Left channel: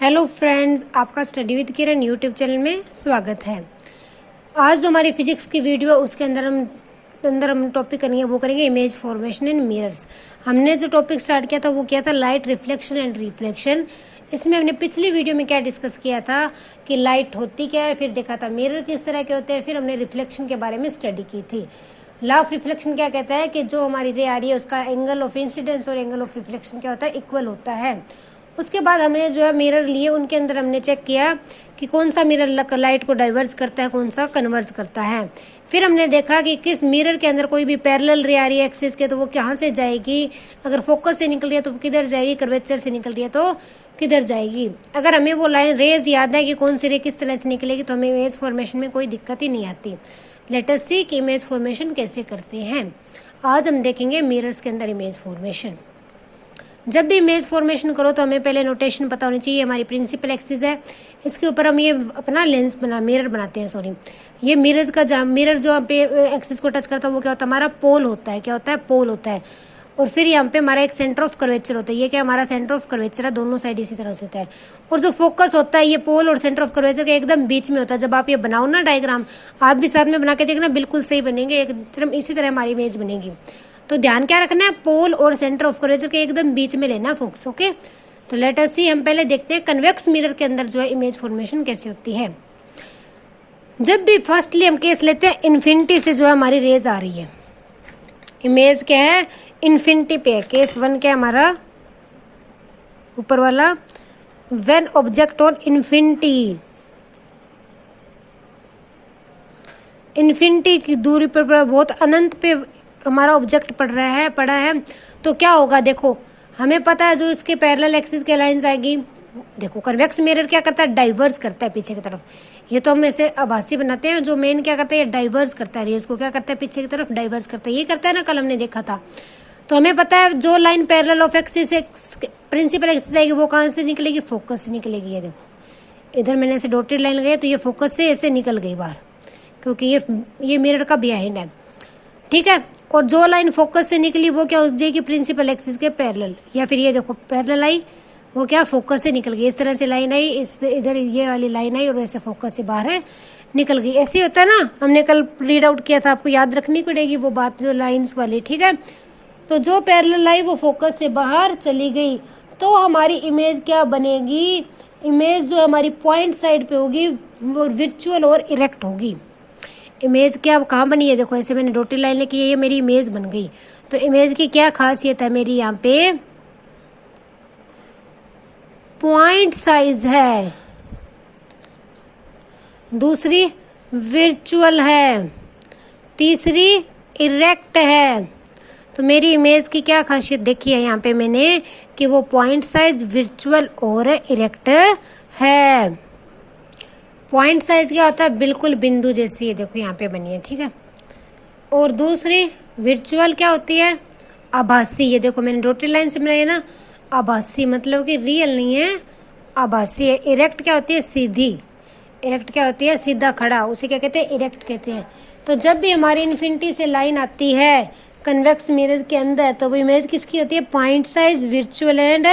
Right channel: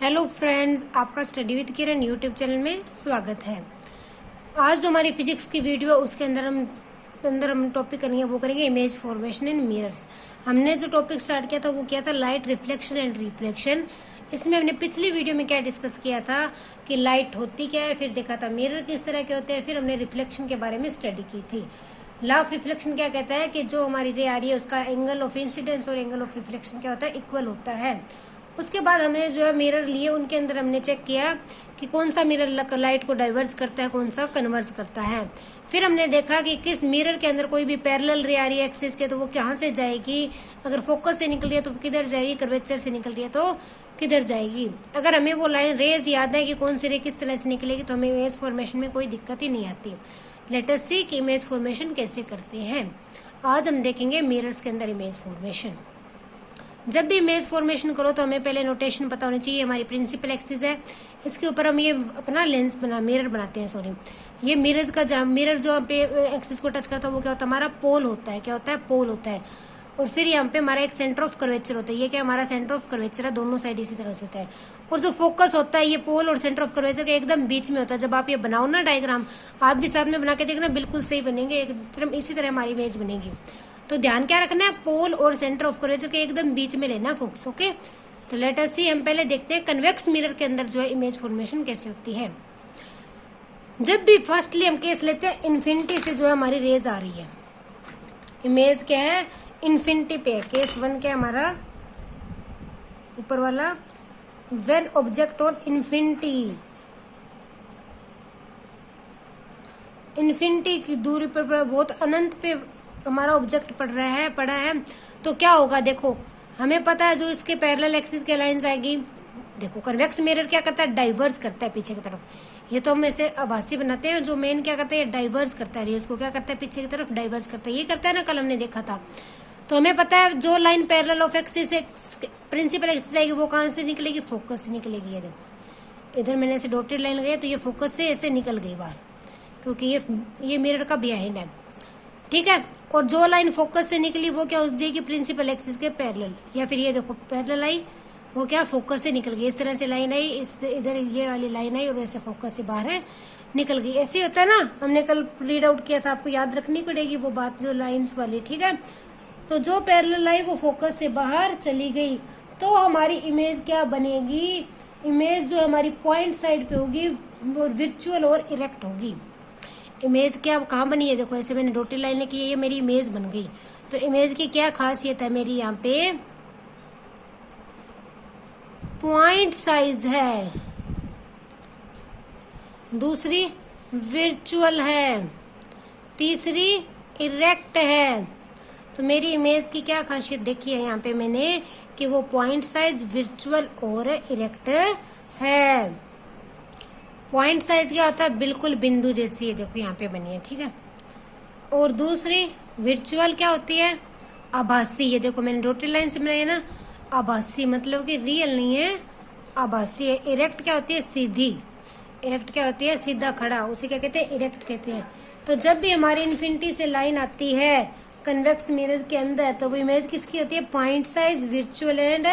Hello friends, आपका study with Kiran YouTube channel में स्वागत है। आज जो हमारी फिजिक्स की वीडियो है उसके अंदर हम टॉपिक करेंगे, वो करेंगे इमेज फॉर्मेशन इन मिरर्स। हमने जो टॉपिक स्टार्ट किया था वो किया था लाइट रिफ्लेक्शन एंड रिफ्लेक्शन। इसमें हमने पिछली वीडियो में क्या डिस्कस किया था कि लाइट होती क्या है, फिर देखा था मिरर किस तरह के होते हैं, फिर हमने रिफ्लेक्शन के बारे में स्टडी की थी। लॉ ऑफ रिफ्लेक्शन क्या कहता है कि जो हमारी रे आ रही है उसका एंगल ऑफ इंसिडेंस और एंगल ऑफ रिफ्लेक्शन क्या होता है, इक्वल होता है। उसके बाद हमने जो है मिरर लिए, उनके अंदर हमने चेक किया कि कौन सा मिरर लाइट को डाइवर्ज करता है, कौन सा कन्वर्ज करता है। फिर हमने देखा कि किस मिरर के अंदर कोई भी पैरेलल रे आ रही है एक्सिस के तो वो कहाँ से जाएगी, अगर फोकस से निकल रही है तो किधर जाएगी, कर्वेचर से निकल रही है तो किधर जाएगी। अगर हमें वो लाइन रेज याद है कि कौन सी रे किस तरह से निकलेगी तो हमें इमेज फॉर्मेशन में कोई दिक्कत ही नहीं आती। लेट अस सी कि इमेज फॉर्मेशन कैसे करते हैं। आज हम देखेंगे मिरर्स के अंदर इमेज फॉर्मेशन। जब भी इमेज फॉर्मेशन करो तो हमें पहले नोटेशन पता होनी चाहिए। हमारी प्रिंसिपल एक्सिस है, इसके ऊपर हम ये अपना मिरर बनाते हैं। ये मिरर्स का मिरर जो पे एक्सिस को टच करता है वो क्या होता है, हमारा पोल होता है। क्या होता है, पोल होता है। और फिर यहाँ पे हमारा एक सेंटर ऑफ कर्वेचर होता है। ये क्या, हमारा सेंटर ऑफ कर्वेचर है, दोनों साइड इसी तरह से होता है। और जो फोकस होता है ये पोल और सेंटर ऑफ कर्वेचर के एकदम बीच में होता है। जब आप ये बनाओ ना डायग्राम, आप भी साथ में बना के देखना, बिल्कुल सही बनेंगे, एकदम इसी तरह हमारी इमेज बनेगी। तो ध्यान क्या रखना है, पोल और सेंटर ऑफ कर्वेचर के एकदम बीच में लेना फोकस। ओके, तो लेट अस सी, हम पहले देखते हैं कन्वेक्स मिरर के अंदर जो है इमेज फॉर्मेशन कैसे होती है। जब भी फर्स्टली हम केस लेते हैं इन्फिनिटी से जो है हमारी रेज आ रही है, इमेज क्या है, इन्फिनिटी पे है। केस वन क्या है हमारा, ऊपर वाला, व्हेन ऑब्जेक्ट ऑन इन्फिनिटी की दूरी पर बहुत अनंत पे हमारा ऑब्जेक्ट पड़ा है तो क्या होगा। देखो हमें पता है जो इसके पैरेलल एक्सिस के लाइंस आएगी। देखो कन्वेक्स मिरर क्या करता है, डाइवर्स करता है पीछे की तरफ। ये तो हम ऐसे आभासी बनाते हैं, जो मेन क्या करता है, डाइवर्स करता है। इसको क्या करता है, पीछे की तरफ डाइवर्स करता है। ये करता है ना, कल हमने देखा था। तो हमें पता है जो line parallel of axis principal axis आएगी वो कहाँ से निकलेगी, फोकस से निकलेगी। ये देखो इधर मैंने ऐसे डॉटेड लाइन लगाई तो ये फोकस से ऐसे निकल गई बाहर, क्योंकि ये मिरर का बिहाइंड है। ठीक है, और जो लाइन फोकस से निकली वो क्या हो जाएगी, प्रिंसिपल एक्सिस के पैरेलल। या फिर ये देखो पैरेलल आई, वो क्या फोकस से निकल गई। इस तरह से लाइन आई, इधर ये वाली लाइन आई और ऐसे फोकस से बाहर निकल गई। ऐसे ही होता है ना, हमने कल रीड आउट किया था, आपको याद रखनी पड़ेगी वो बात, जो लाइंस वाली। ठीक है, तो जो पैरेलल आई वो फोकस से बाहर चली गई तो हमारी इमेज क्या बनेगी, इमेज जो हमारी पॉइंट साइड पे होगी वो वर्चुअल और इरेक्ट होगी। इमेज क्या कहाँ बनी है, देखो ऐसे मैंने डॉटेड लाइन लिखी है, ये मेरी इमेज बन गई। तो इमेज की क्या खासियत है, मेरी यहाँ पे पॉइंट साइज है, दूसरी वर्चुअल है, तीसरी इरेक्ट है। तो मेरी इमेज की क्या खासियत देखी है यहाँ पे मैंने कि वो पॉइंट साइज, वर्चुअल और इरेक्ट है। पॉइंट साइज क्या होता है, बिल्कुल बिंदु जैसी है, देखो यहाँ पे बनी है। ठीक है, और दूसरी वर्चुअल क्या होती है, आभासी। ये देखो मैंने डॉटेड लाइन से बनाई है ना, आभासी मतलब कि रियल नहीं है, आभासी है। इरेक्ट क्या होती है, सीधी। इरेक्ट क्या होती है, सीधा खड़ा, उसे क्या कहते हैं, इरेक्ट कहते हैं। तो जब भी हमारी इन्फिनिटी से लाइन आती है कन्वेक्स मिरर के अंदर तो वो इमेज किसकी होती है, point size, virtual and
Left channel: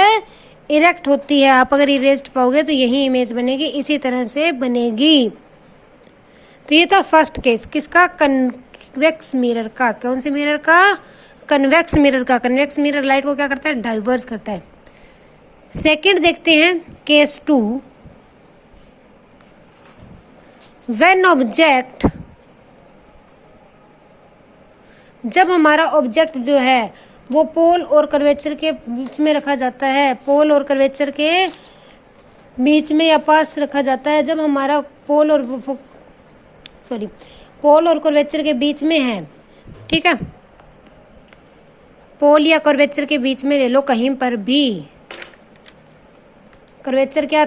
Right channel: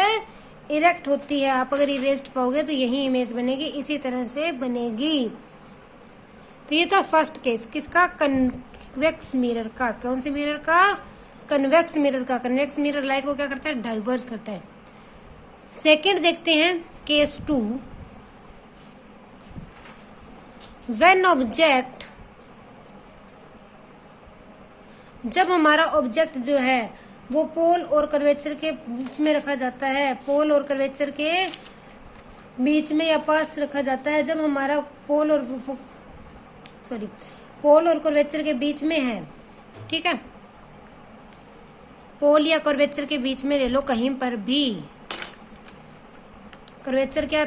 erect होती है। आप अगर इरेस्ट पाओगे तो यही इमेज बनेगी, इसी तरह से बनेगी। तो ये तो फर्स्ट केस किसका, कन्वेक्स मिरर का। कौन से मिरर का, कन्वेक्स मिरर का। कन्वेक्स मिरर लाइट को क्या करता है, डाइवर्स करता है। सेकंड देखते हैं केस टू, व्हेन ऑब्जेक्ट, जब हमारा ऑब्जेक्ट जो है वो पोल और कर्वेचर के बीच में रखा जाता है, पोल और कर्वेचर के बीच में या पास रखा जाता है। जब हमारा पोल और कर्वेचर के बीच में है, ठीक है, पोल या कर्वेचर के बीच में ले लो कहीं पर भी। कर्वेचर क्या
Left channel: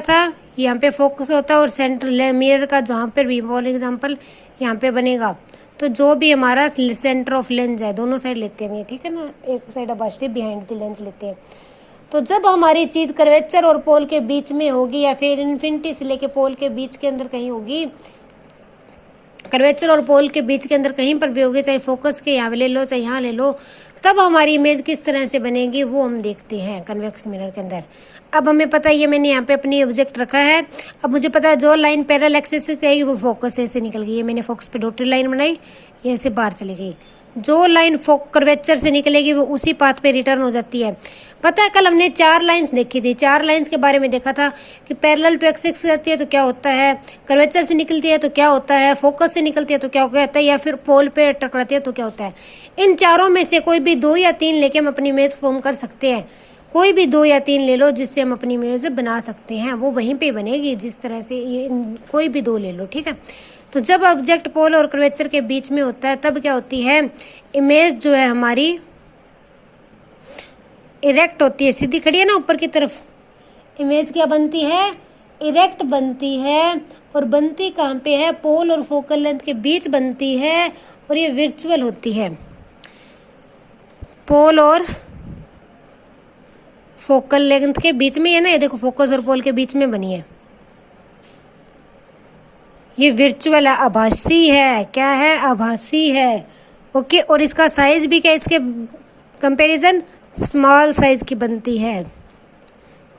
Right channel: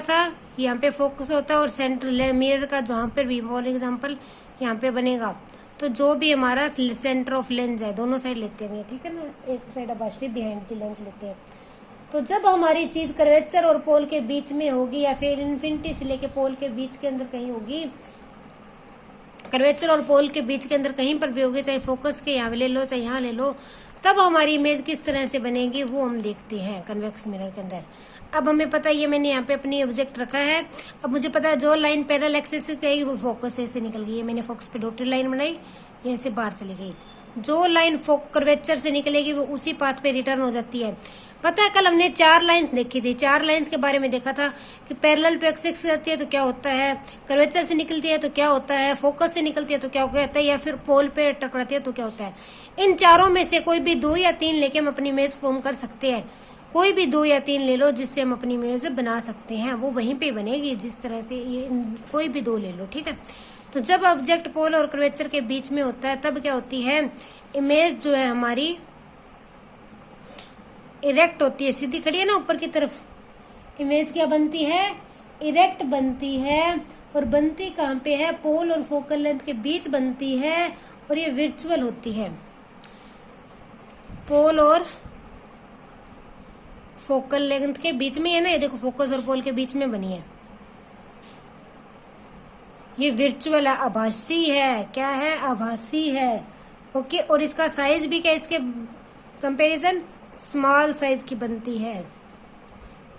था, यहाँ पे फोकस होता है और सेंटर मिरर का जहाँ पर भी, फॉर एग्जाम्पल यहाँ पे बनेगा। तो जो भी हमारा सेंटर ऑफ लेंस है, दोनों साइड लेते हैं, ठीक है ना, एक साइड आभासी बिहाइंड द लेंस लेते हैं। तो जब हमारी चीज कर्वेचर और पोल के बीच में होगी या फिर इन्फिनिटी से लेके पोल के बीच के अंदर कहीं होगी, कर्वेचर और पोल के बीच के अंदर कहीं पर भी होगी, चाहे फोकस के यहाँ ले लो चाहे यहाँ ले लो, तब हमारी इमेज किस तरह से बनेगी वो हम देखते हैं कन्वेक्स मिरर के अंदर। अब हमें पता है, ये मैंने यहाँ पे अपनी ऑब्जेक्ट रखा है। अब मुझे पता है जो लाइन पैरेलल एक्सिस से गई वो फोकस से निकल गई है। मैंने फोकस पे डॉटेड लाइन बनाई, ये ऐसे बाहर चली गई। जो लाइन कर्वेचर से निकलेगी वो उसी पाथ पे रिटर्न हो जाती है। पता है कल हमने 4 लाइंस देखी थी, 4 लाइंस के बारे में देखा था कि पैरेलल टू एक्सिस से जाती है तो क्या होता है, कर्वेचर से निकलती है तो क्या होता है, फोकस से निकलती है तो क्या होता है, या फिर पोल पे टकराती है तो क्या होता है। इन चारों में से कोई भी 2 या 3 लेके हम अपनी इमेज फॉर्म कर सकते हैं। कोई भी 2 या 3 ले लो जिससे हम अपनी इमेज बना सकते हैं, वो वहीं पे बनेगी जिस तरह से। ये कोई भी 2 ले लो, ठीक है। तो जब ऑब्जेक्ट पोल और कर्वेचर के बीच में होता है तब क्या होती है, इमेज जो है हमारी इरेक्ट होती है, सीधी खड़ी है ना ऊपर की तरफ। इमेज क्या बनती है, इरेक्ट बनती है। और बनती कहाँ पे है, पोल और फोकल लेंथ के बीच बनती है। और ये वर्चुअल होती है, पोल और फोकल लेंथ के बीच में है ना। ये देखो फोकस और पोल के बीच में बनी है। ये वर्चुअल है, आभासी है। क्या है, आभासी है। ओके, और इसका साइज भी क्या इसके कंपैरिजन स्मॉल साइज की बनती है।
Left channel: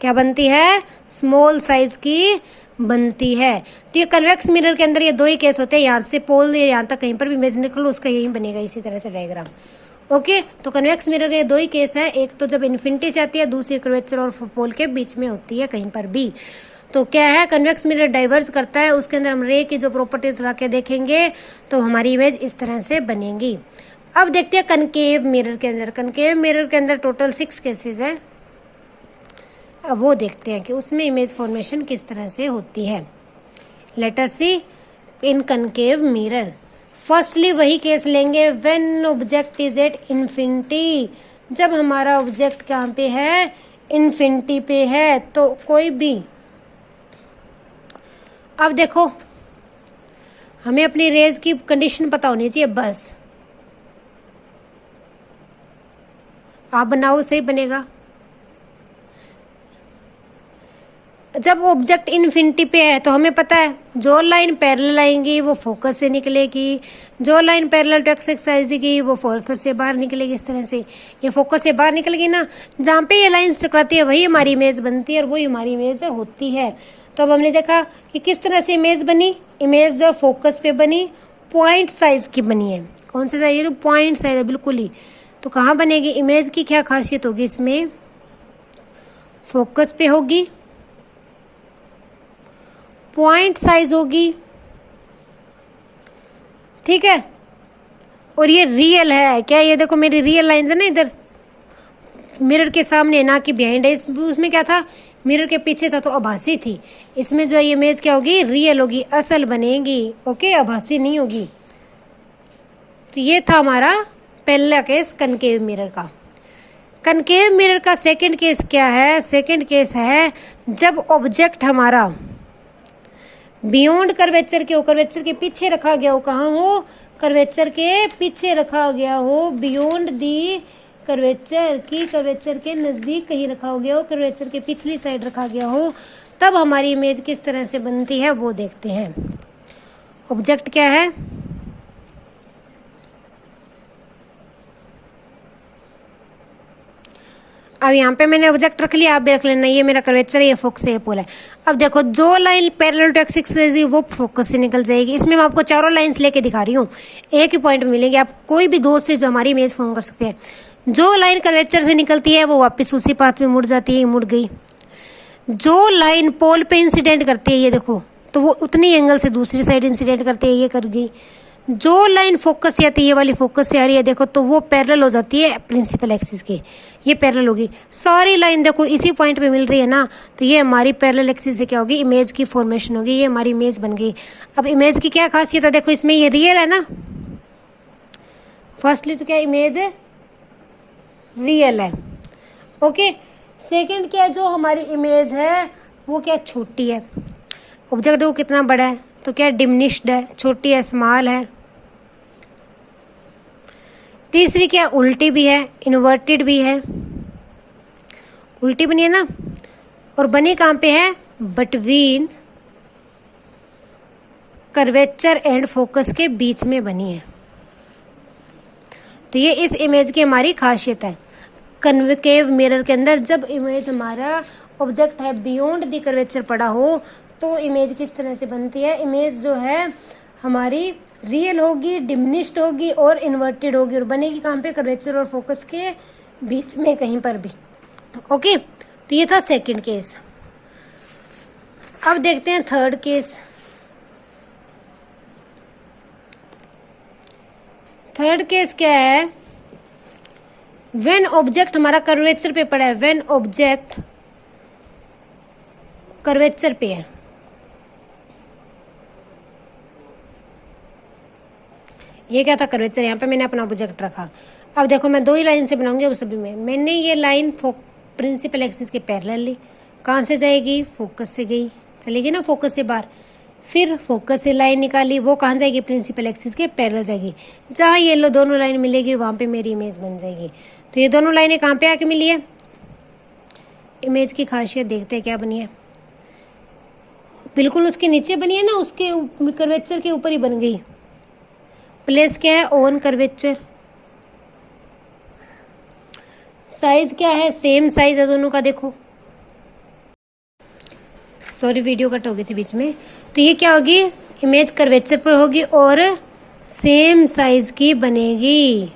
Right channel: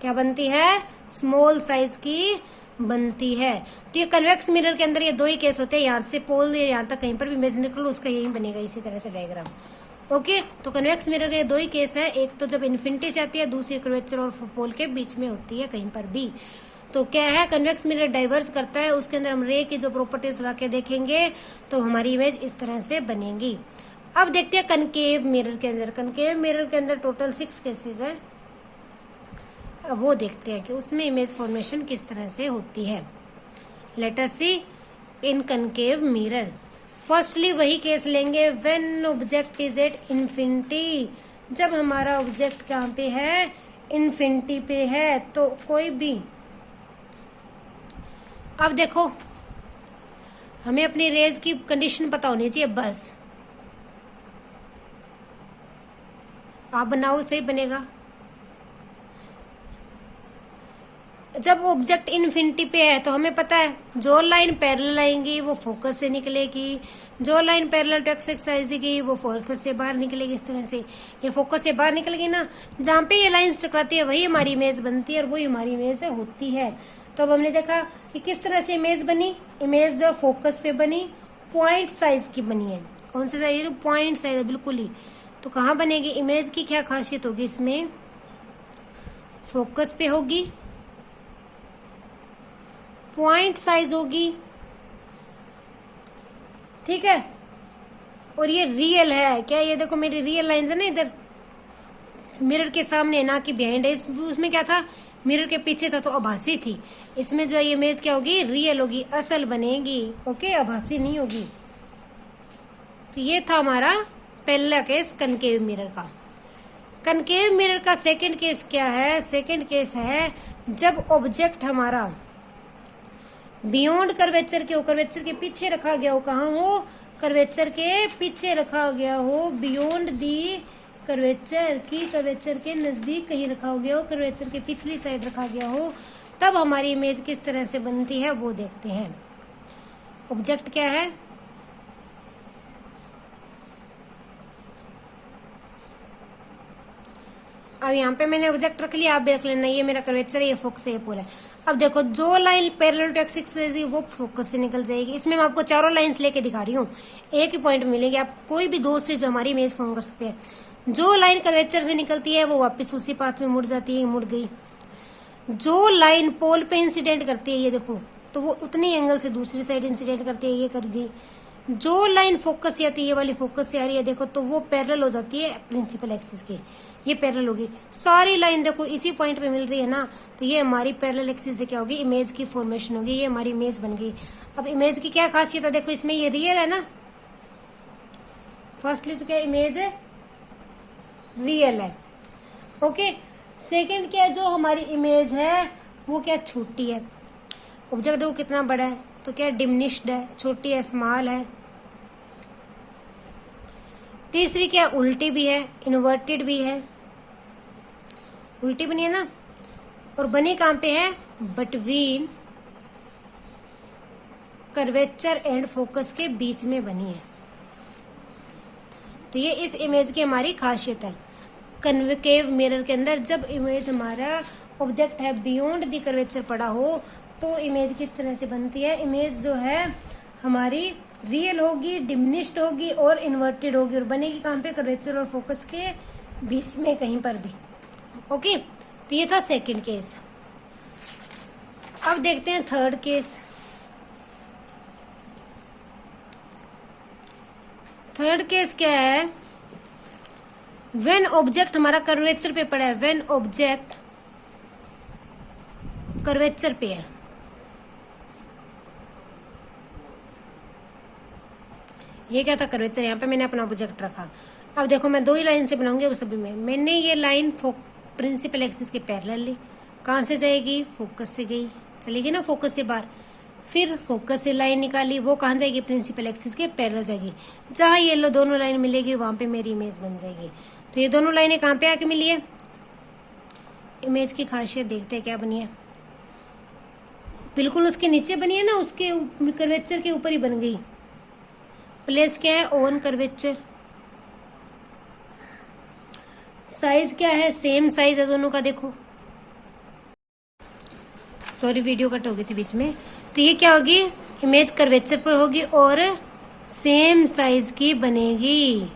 क्या बनती है, स्मॉल साइज की बनती है। तो ये कन्वेक्स मिरर के अंदर ये 2 ही केस होते हैं, यहाँ से पोल या यहाँ तक कहीं पर भी इमेज निकलो उसका यही बनेगा इसी तरह से डायग्राम। ओके, तो कन्वेक्स मिरर के 2 ही केस है, एक तो जब इन्फिनिटी से आती है, दूसरी कर्वेचर और पोल के बीच में होती है कहीं पर भी। तो क्या है, कन्वेक्स मिरर डाइवर्ज करता है, उसके अंदर हम रे की जो प्रॉपर्टीज लगा के देखेंगे तो हमारी इमेज इस तरह से बनेगी। अब देखते हैं कनकेव मिरर के अंदर। कनकेव मिरर के अंदर टोटल 6 केसेस हैं। अब वो देखते हैं कि उसमें इमेज फॉर्मेशन किस तरह से होती है। लेट अस सी इन कनकेव मिरर। फर्स्टली वही केस लेंगे when object is at infinity, जब हमारा ऑब्जेक्ट कहाँ पे है, इन्फिनिटी पे है। तो कोई भी, अब देखो हमें अपनी रेज की कंडीशन पता होनी चाहिए बस। आप बनाओ सही बनेगा। जब ऑब्जेक्ट इन्फिनिटी पे है तो हमें पता है जो लाइन पैरेलल आएंगी वो फोकस से निकलेगी, जो लाइन पैरेलल टू एक्स आएगी वो फोकस से बाहर निकलेगी। इस तरह से ये फोकस से बाहर निकलेगी ना, जहाँ पे ये लाइंस टकराती है वही हमारी इमेज बनती है और वही हमारी इमेज होती है। तो अब हमने देखा कि किस तरह से इमेज बनी। इमेज जो फोकस पे बनी, पॉइंट साइज की बनी है। कौन सा साइज है, तो पॉइंट साइज है बिल्कुल ही। तो कहाँ बनेगी, इमेज की क्या खासियत होगी, इसमें फोकस पे होगी, पॉइंट साइज होगी, ठीक है। और ये रियल है। क्या, ये देखो मेरी रियल लाइंस है ना, इधर मिरर के सामने ना कि बिहाइंड है। उसमें क्या था, मिरर के पीछे था तो आभासी थी। इसमें जो ये इमेज क्या होगी, रियल होगी, असल बनेगी। ओके, आभासी नहीं होगी। तो ये था हमारा पहला केस कनकेव मिरर का। कनकेव मिरर का सेकंड केस क्या है, सेकंड केस है जब ऑब्जेक्ट हमारा बियॉन्ड कर्वेचर के हो, कर्वेचर के पीछे रखा गया हो। कहाँ हो, कर्वेचर के पीछे रखा गया हो, बियॉन्ड दी कर्वेचर की, कर्वेचर के नजदीक कहीं रखा हो गया हो, कर्वेचर के पिछली साइड रखा गया हो। तब हमारी इमेज किस तरह से बनती है वो देखते हैं। ऑब्जेक्ट क्या है, अब यहाँ पे मैंने ऑब्जेक्ट रख लिया, आप भी रख लेना। ये मेरा कर्वेचर है, ये फोकस है, ये पोल है। अब देखो जो लाइन पैरेलल टू एक्सिस है वो फोकस से निकल जाएगी। इसमें मैं आपको चारों लाइंस लेके दिखा रही हूँ, एक ही पॉइंट में मिलेंगे। आप कोई भी दो से जो हमारी इमेज फॉर्म कर सकते हैं। जो लाइन कर्वेचर से निकलती है वो वापस उसी पाथ में मुड़ जाती है, मुड़ गई। जो लाइन पोल पे इंसिडेंट करती है, ये देखो, तो वो उतनी एंगल से दूसरी साइड इंसिडेंट करती है, ये कर गई। जो लाइन फोकस से आती है, ये वाली फोकस से आ रही है, देखो, तो वो पैरेलल हो जाती है प्रिंसिपल एक्सिस के, ये पैरेलल होगी। सारी लाइन देखो इसी पॉइंट पे मिल रही है ना, तो ये हमारी पैरेलल एक्सिस से क्या होगी, इमेज की फॉर्मेशन होगी। ये हमारी इमेज बन गई। अब इमेज की क्या खासियत है, देखो इसमें ये रियल है ना। फर्स्टली तो क्या इमेज है, रियल है। ओके, सेकंड क्या है, जो हमारी इमेज है वो क्या छोटी है। ऑब्जेक्ट देखो कितना बड़ा है, तो क्या डिमिनिश्ड है, छोटी है, स्मॉल है। तीसरी क्या, उल्टी भी है, इन्वर्टेड भी है, उल्टी बनी है ना। और बनी कहाँ पे है, बिटवीन कर्वेचर एंड फोकस के बीच में बनी है। तो ये इस इमेज की हमारी खासियत है। कन्वेकेव मिरर के अंदर जब इमेज हमारा ऑब्जेक्ट है बियॉन्ड द कर्वेचर पड़ा हो तो इमेज किस तरह से बनती है। इमेज जो है हमारी रियल होगी, डिमिनिश्ड होगी और इन्वर्टेड होगी और बनेगी कहाँ पे, कर्वेचर और फोकस के बीच में कहीं पर भी। ओके, तो ये था सेकंड केस। अब देखते हैं थर्ड केस। थर्ड केस क्या है, व्हेन ऑब्जेक्ट हमारा कर्वेचर पे पड़ा है, व्हेन ऑब्जेक्ट कर्वेचर पे है, ये क्या था कर्वेचर, यहाँ पे मैंने अपना ऑब्जेक्ट रखा। अब देखो मैं 2 ही लाइन से बनाऊंगी, उस सभी में मैंने ये लाइन प्रिंसिपल एक्सिस के पैरेलल ली। कहाँ से जाएगी, फोकस से गई, चलेगी ना फोकस से बाहर। फिर फोकस से लाइन निकाली, वो कहाँ जाएगी, प्रिंसिपल एक्सिस के पैरेलल जाएगी। जहाँ ये लो दोनों लाइन मिलेगी वहां पे मेरी इमेज बन जाएगी। तो ये दोनों लाइनें कहाँ पे आके मिली है, इमेज की खासियत देखते हैं क्या बनी है। बिल्कुल उसके नीचे बनी है ना, उसके कर्वेचर के ऊपर ही बन गई। प्लेस क्या है, ऑन कर्वेचर। साइज क्या है, सेम साइज है दोनों का। देखो सॉरी वीडियो कट हो गई थी बीच में। तो ये क्या होगी, इमेज कर्वेचर पर होगी और सेम साइज की बनेगी।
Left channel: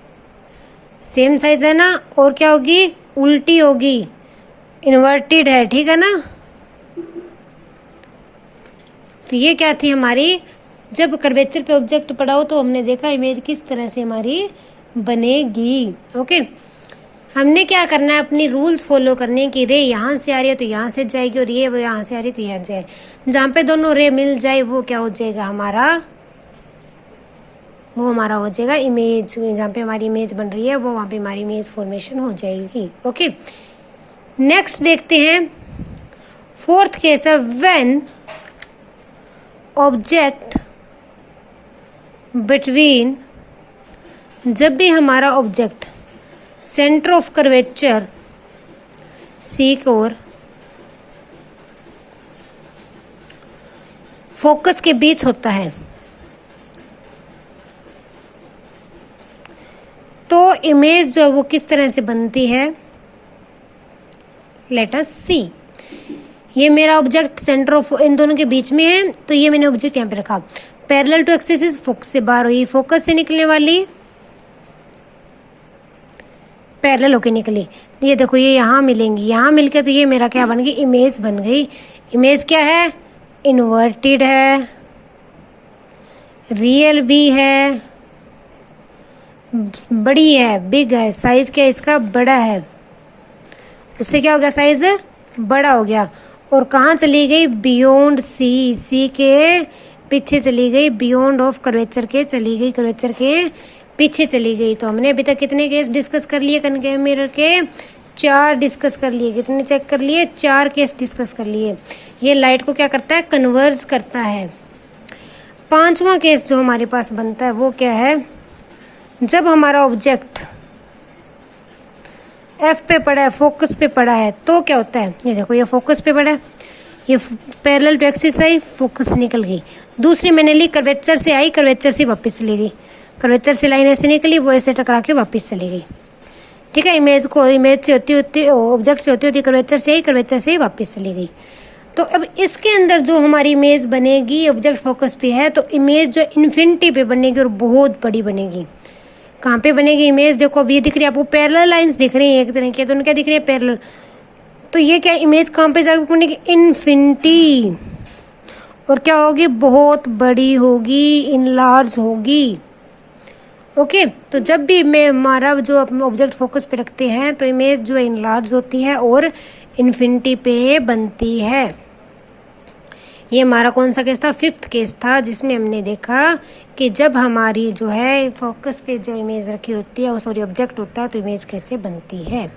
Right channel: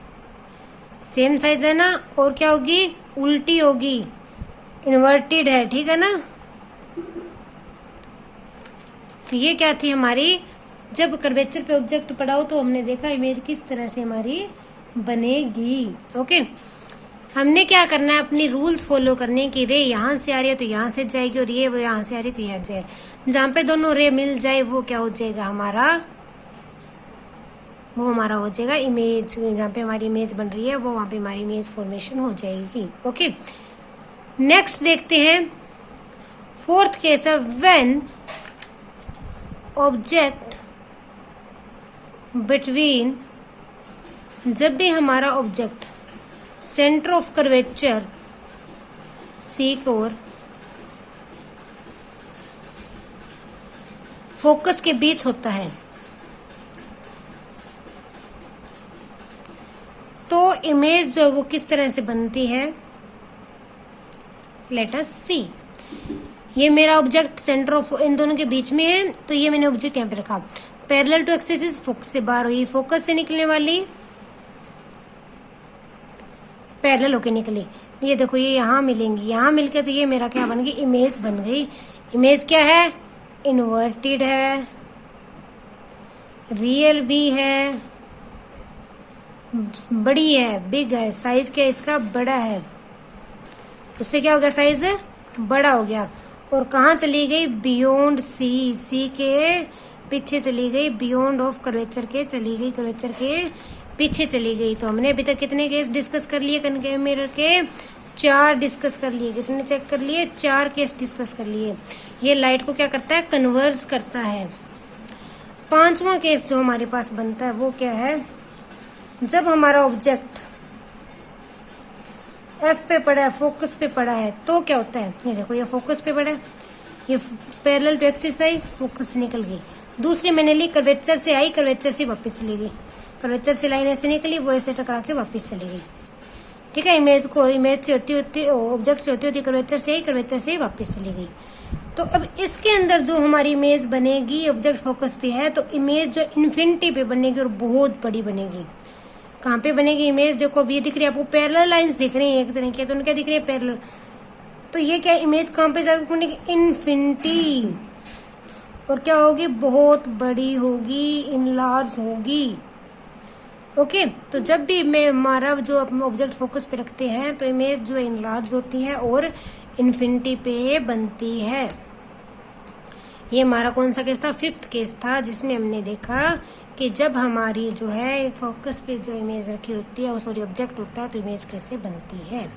सेम साइज है ना, और क्या होगी, उल्टी होगी, इन्वर्टेड है, ठीक है ना। तो ये क्या थी हमारी, जब कर्वेचर पे ऑब्जेक्ट पड़ा हो तो हमने देखा इमेज किस तरह से हमारी बनेगी। ओके, हमने क्या करना है, अपनी रूल्स फॉलो करने की। रे यहाँ से आ रही है तो यहाँ से जाएगी और ये वो यहाँ से आ रही है तो यहाँ जाए। जहाँ पे दोनों रे मिल जाए वो क्या हो जाएगा हमारा, वो हमारा हो जाएगा इमेज। जहाँ पे हमारी इमेज बन रही है वो वहाँ पे हमारी इमेज फॉर्मेशन हो जाएगी। ओके, नेक्स्ट देखते हैं फोर्थ केस है, व्हेन ऑब्जेक्ट बिटवीन, जब भी हमारा object centre of curvature C और फोकस के बीच होता है तो इमेज जो है वो किस तरह से बनती है। लेट अस सी, ये मेरा ऑब्जेक्ट सेंटर ऑफ इन दोनों के बीच में है तो ये मैंने ऑब्जेक्ट यहाँ पे रखा। पैरेलल टू एक्सिस, फोकस से बाहर हुई, फोकस से निकलने वाली पैरेलल होके निकली। ये देखो ये यहाँ मिलेंगी, यहाँ मिलके तो ये मेरा क्या बन गई, इमेज बन गई। इमेज क्या है, इन्वर्टेड है, रियल भी है, बड़ी है, बिग है। साइज क्या है इसका, बड़ा है। उससे क्या हो गया, साइज बड़ा हो गया। और कहाँ चली गई, बियॉन्ड सी, सी के पीछे चली गई, बियॉन्ड ऑफ कर्वेचर के चली गई, कर्वेचर के पीछे चली गई। तो हमने अभी तक कितने केस डिस्कस कर लिए कन्वेक्स मिरर के, 4 डिस्कस कर लिए। कितने चेक कर लिए, 4 केस डिस्कस कर लिए। ये लाइट को क्या करता है, कन्वर्ज करता है। 5वां केस जो हमारे पास बनता है वो क्या है, जब हमारा ऑब्जेक्ट एफ पे पड़ा है, फोकस पे पड़ा है तो क्या होता है। ये देखो ये फोकस पे पड़ा है, ये पैरेलल टू एक्सिस आई, फोकस निकल गई। दूसरी मैंने ली, कर्वेचर से आई, कर्वेचर से वापस चली गई। कर्वेचर से लाइन ऐसे निकली, वो ऐसे टकरा के वापस चली गई। ठीक है, इमेज से होती ऑब्जेक्ट से होती कर्वेचर से आई, कर्वेचर से ही वापस चली गई। तो अब इसके अंदर जो हमारी इमेज बनेगी, ऑब्जेक्ट फोकस पे है तो इमेज जो इन्फिनिटी पे बनेगी और बहुत बड़ी बनेगी। कहाँ पे बनेगी इमेज, देखो अब ये दिख रही है आपको, पैरेलल लाइंस दिख रही हैं एक तरह की, तो उनके दिख रही है पैरेलल। तो ये क्या इमेज कहाँ पे जाकर बनेगी, इन्फिनिटी। और क्या होगी, बहुत बड़ी होगी, इनलार्ज होगी। ओके, तो जब भी मैं हमारा जो ऑब्जेक्ट फोकस पे रखते हैं तो इमेज जो है इनलार्ज होती है और इन्फिनिटी पे बनती है। ये हमारा कौन सा केस था, 5th केस था, जिसमें हमने देखा कि जब हमारी जो है फोकस पे जो इमेज रखी होती है, सॉरी ऑब्जेक्ट होता है, तो इमेज कैसे बनती है।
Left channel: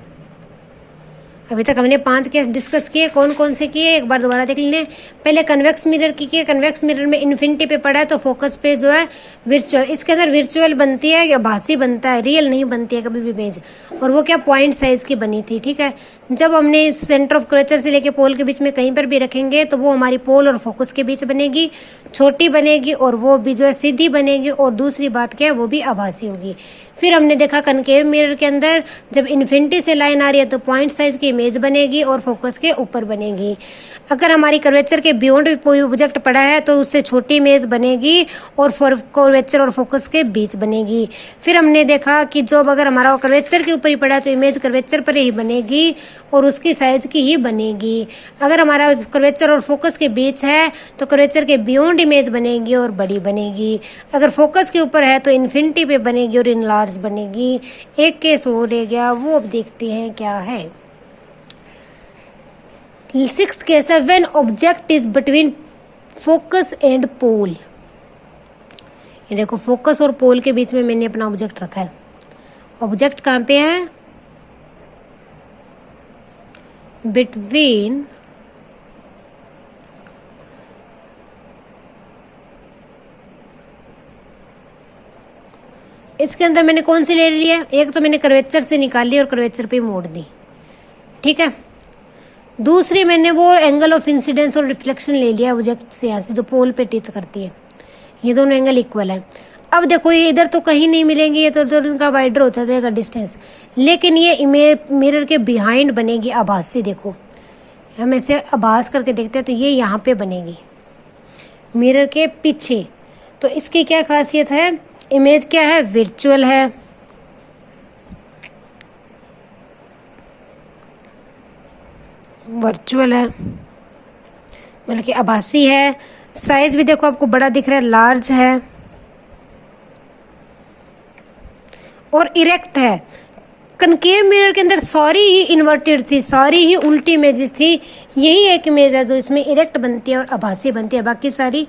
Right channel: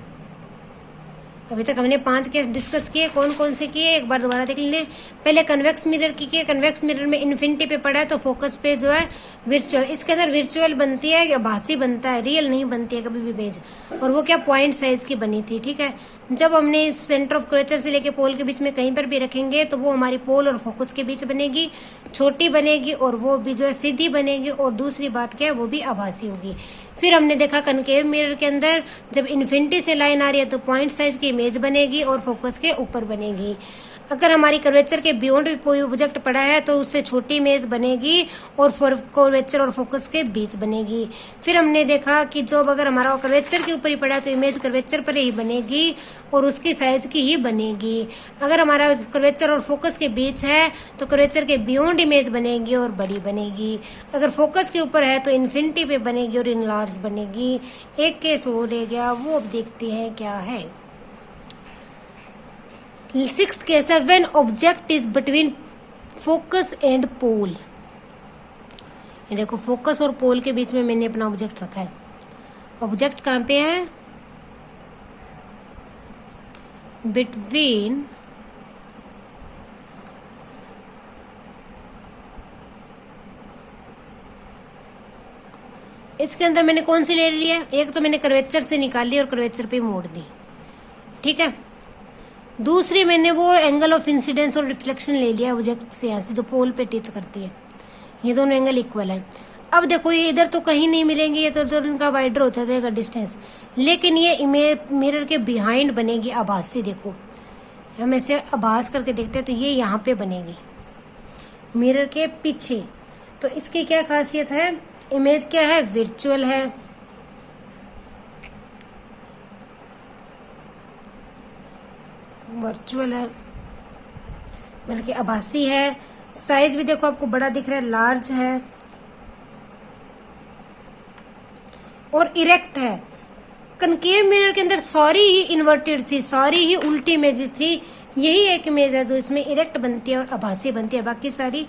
अभी तक हमने 5 केस डिस्कस किए, कौन कौन से किए एक बार दोबारा देख लें। पहले कन्वेक्स मिरर की किए, कन्वेक्स मिरर में इन्फिनिटी पे पड़ा है तो फोकस पे जो है विर्चुअल, इसके अंदर विर्चुअल बनती है या भासी बनता है, रियल नहीं बनती है कभी भी इमेज। और वो क्या पॉइंट साइज की बनी थी। ठीक है, जब हमने इस सेंटर ऑफ कर्वेचर से लेके पोल के बीच में कहीं पर भी रखेंगे तो वो हमारी पोल और फोकस के बीच बनेगी, छोटी बनेगी और वो भी जो है सीधी बनेगी। और दूसरी बात क्या है, वो भी आभासी होगी। फिर हमने देखा कनकेव मिरर के अंदर जब इन्फिनिटी से लाइन आ रही है तो पॉइंट साइज की इमेज बनेगी और फोकस के ऊपर बनेगी। अगर हमारी कर्वेचर के बियॉन्ड कोई ऑब्जेक्ट पड़ा है तो उससे छोटी इमेज बनेगी और कर्वेचर और फोकस के बीच बनेगी। फिर हमने देखा कि जब अगर हमारा कर्वेचर के ऊपर ही पड़ा है तो इमेज कर्वेचर पर ही बनेगी और उसकी साइज की ही बनेगी। अगर हमारा कर्वेचर और फोकस के बीच है तो कर्वेचर के बियॉन्ड इमेज बनेगी और बड़ी बनेगी। अगर फोकस के ऊपर है तो इन्फिनिटी पे बनेगी और इनलार्ज बनेगी। एक केस हो रह गया, वो अब देखते हैं क्या है। 6th केस है when object is between focus and pole. ये देखो फोकस और पोल के बीच में मैंने अपना ऑब्जेक्ट रखा है। ऑब्जेक्ट कहाँ पे है? बिटवीन इसके अंदर मैंने कौन सी ले ली है? एक तो मैंने कर्वेचर से निकाली और कर्वेचर पे मोड़ दी, ठीक है। दूसरी मैंने वो एंगल ऑफ इंसिडेंस और रिफ्लेक्शन ले लिया ऑब्जेक्ट से, यहाँ से जो पोल पे टच करती है। ये दोनों एंगल इक्वल है। अब देखो ये इधर तो कहीं नहीं मिलेंगी, ये तो इनका वाइडर होता जाएगा डिस्टेंस, लेकिन ये इमेज मिरर के बिहाइंड बनेगी आभासी। देखो हम ऐसे आभास करके देखते हैं तो ये यहाँ पे बनेगी मिरर के पीछे। तो इसकी क्या खासियत है? इमेज क्या है? वर्चुअल है, वर्चुअल है बल्कि आभासी है। साइज भी देखो आपको बड़ा दिख रहा है, लार्ज है और इरेक्ट है। कनकेव मिरर के अंदर सारी ही इन्वर्टेड थी, सारी ही उल्टी इमेजेस थी। यही एक इमेज है जो इसमें इरेक्ट बनती है और आभासी बनती है, बाकी सारी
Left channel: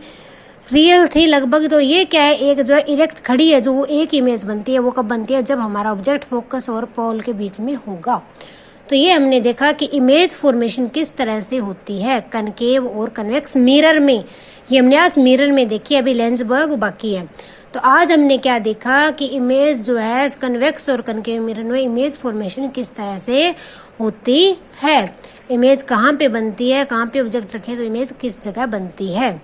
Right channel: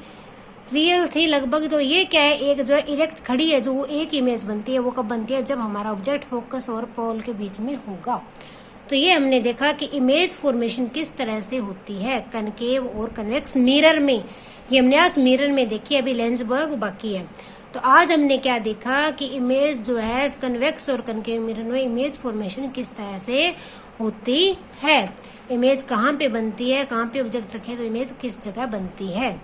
रियल थी लगभग। तो ये क्या है? एक जो है इरेक्ट खड़ी है, जो वो एक इमेज बनती है। वो कब बनती है? जब हमारा ऑब्जेक्ट फोकस और पोल के बीच में होगा। तो ये हमने देखा कि इमेज फॉर्मेशन किस तरह से होती है कनकेव और कन्वेक्स मिरर में। ये हमने आज मिरर में देखी, अभी लेंस वो बाकी है। तो आज हमने क्या देखा कि इमेज जो है कन्वेक्स और कनकेव मिरर में इमेज फॉर्मेशन किस तरह से होती है, इमेज कहाँ पे बनती है, कहाँ पे ऑब्जेक्ट रखे तो इमेज किस जगह बनती है।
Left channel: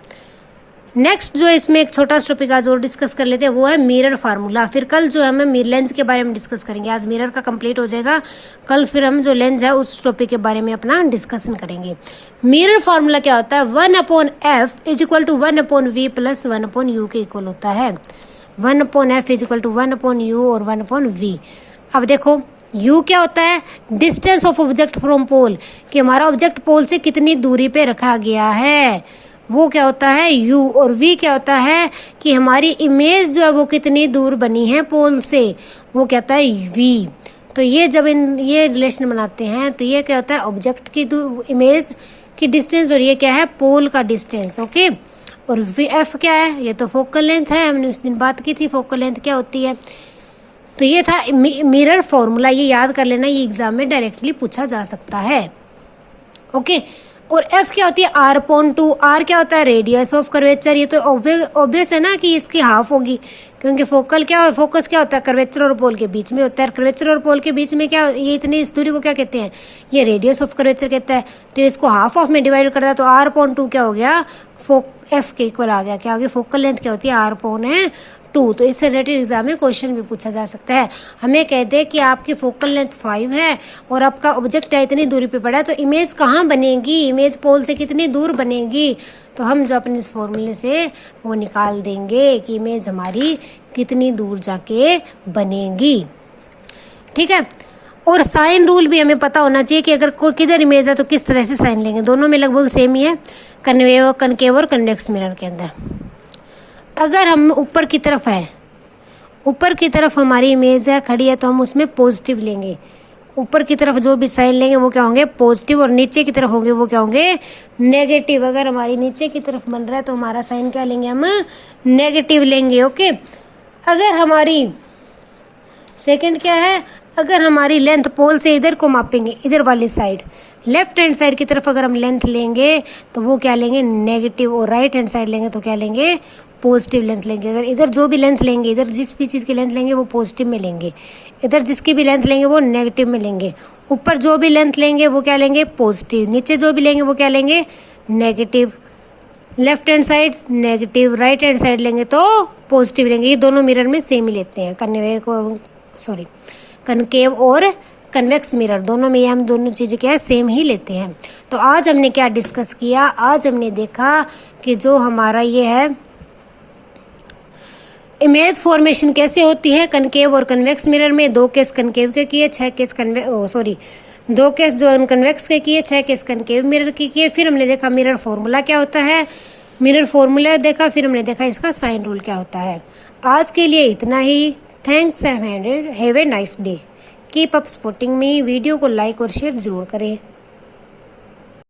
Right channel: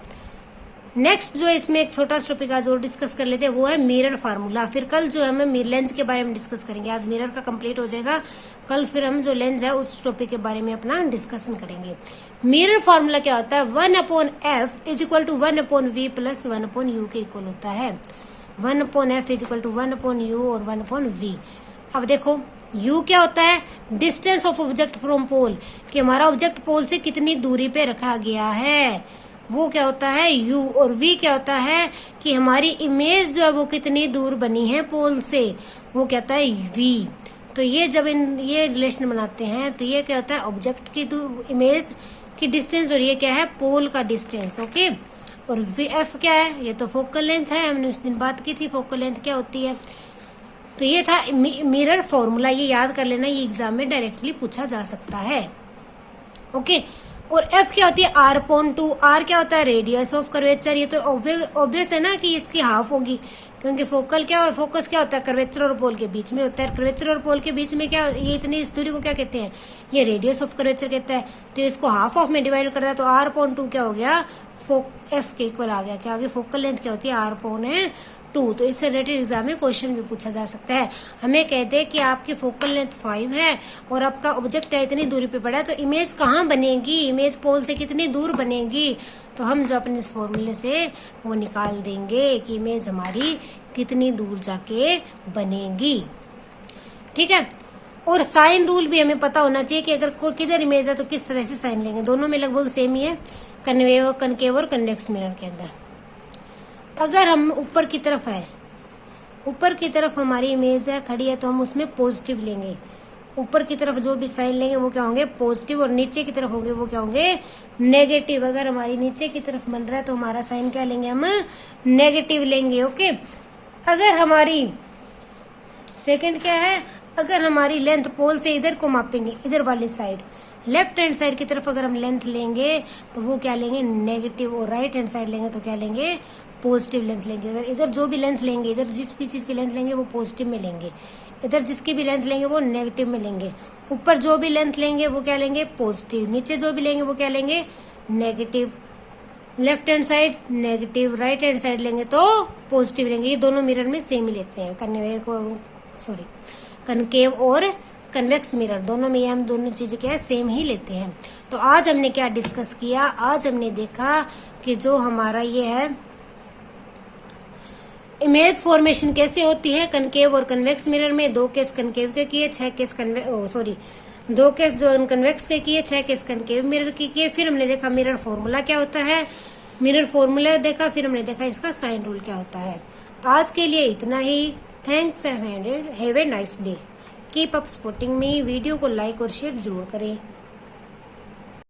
नेक्स्ट जो इसमें एक छोटा टॉपिक आज और डिस्कस कर लेते हैं, वो है मिरर फार्मूला। फिर कल जो है हम लेंस के बारे में डिस्कस करेंगे। आज मिरर का कंप्लीट हो जाएगा, कल फिर हम जो लेंस है उस टॉपिक के बारे में अपना डिस्कशन करेंगे। मिरर फार्मूला क्या होता है? 1/f is equal to 1/v plus 1/u के इक्वल होता है। 1/f is equal to 1/u और 1/v। अब देखो u क्या होता है? Distance of object from pole, कि हमारा ऑब्जेक्ट पोल से कितनी दूरी पे रखा गया है, वो क्या होता है u। और v क्या होता है कि हमारी इमेज जो है वो कितनी दूर बनी है पोल से, वो क्या होता है v। तो ये जब ये रिलेशन बनाते हैं तो ये क्या होता है? ऑब्जेक्ट की इमेज की डिस्टेंस और ये क्या है? पोल का डिस्टेंस, ओके। और f क्या है? ये तो फोकल लेंथ है, हमने उस दिन बात की थी फोकल लेंथ क्या होती है। तो ये था मिरर फॉर्मूला, ये याद कर लेना, ये एग्जाम में डायरेक्टली पूछा जा सकता है, ओके। और f क्या होती है? r/2। r क्या होता है? Radius of curvature. ये तो ऑब्वियस है ना कि इसकी हाफ होगी, क्योंकि फोकस क्या होता है? कर्वेचर और पोल के बीच में होता है। कर्वेचर और पोल के बीच में क्या, ये इतनी इस दूरी को क्या कहते हैं? ये रेडियस ऑफ कर्वेचर कहता है। तो इसको हाफ ऑफ में डिवाइड करता है तो r/2 क्या हो गया? f के इक्वल आ गया। क्या आ गया? फोकल लेंथ क्या होती है? r/2। तो इससे रिलेटेड एग्जाम में क्वेश्चन भी पूछा जा सकता है। हमें कहते हैं कि आपकी फोकल लेंथ 5 है और आपका ऑब्जेक्ट है इतनी दूरी पे पड़ा है, तो इमेज कहाँ बनेगी? इमेज पोल से कितनी दूर बनेगी? तो हम जो अपने इस फॉर्मूले से वो निकाल देंगे कि इमेज हमारी कितनी दूर जाके बनेगी, ठीक है। और साइन रूल भी हमें पता होना चाहिए कि अगर कोई किधर इमेज है तो किस तरह से साइन लेंगे। दोनों में लगभग सेम ही है, कनकेव और कन्वेक्स मिरर के अंदर। अगर हम ऊपर की तरफ है, ऊपर की तरफ हमारी इमेज है खड़ी है, तो हम उसमें पॉजिटिव लेंगे। ऊपर की तरफ जो भी साइन लेंगे वो क्या होंगे? पॉजिटिव। और नीचे की तरफ होंगे वो क्या होंगे? नेगेटिव। अगर हमारी नीचे की तरफ बन रहा है तो हमारा साइन क्या लेंगे? हम नेगेटिव लेंगे, ओके। अगर हमारी सेकंड क्या है? अगर हमारी लेंथ पोल से इधर को मापेंगे, इधर वाली साइड लेफ्ट हैंड साइड की तरफ अगर हम लेंथ लेंगे तो वो क्या लेंगे? नेगेटिव। और राइट हैंड साइड लेंगे तो क्या लेंगे? पॉजिटिव लेंथ लेंगे। अगर इधर जो भी लेंथ लेंगे, इधर जिस भी चीज़ की लेंथ लेंगे वो पॉजिटिव में लेंगे, इधर जिसकी भी लेंथ लेंगे वो नेगेटिव में लेंगे। ऊपर जो भी लेंथ लेंगे वो क्या लेंगे? पॉजिटिव। नीचे जो भी लेंगे वो क्या लेंगे? Negative. Left hand side negative, right hand side लेंगे तो पॉजिटिव लेंगे। ये दोनों मिरर में सेम ही लेते हैं, कनकेव और कन्वेक्स मिरर, दोनों में ये हम दोनों चीज़ें क्या है सेम ही लेते हैं। तो आज हमने क्या डिस्कस किया, आज हमने देखा कि जो हमारा ये है इमेज फॉर्मेशन कैसे होती है कनकेव और कन्वेक्स मिरर में। 2 केस कनकेव के किए, 6 केस 2 केस जो कन्वेक्स के किए, 6 केस कनकेव मिरर के किए। फिर हमने देखा मिरर फॉर्मूला क्या होता है, मिरर फॉर्मूला देखा, फिर हमने देखा इसका साइन रूल क्या होता है। आज के लिए इतना ही। Thanks and have a nice day. Keep up supporting me. Video को लाइक और शेयर जरूर करें।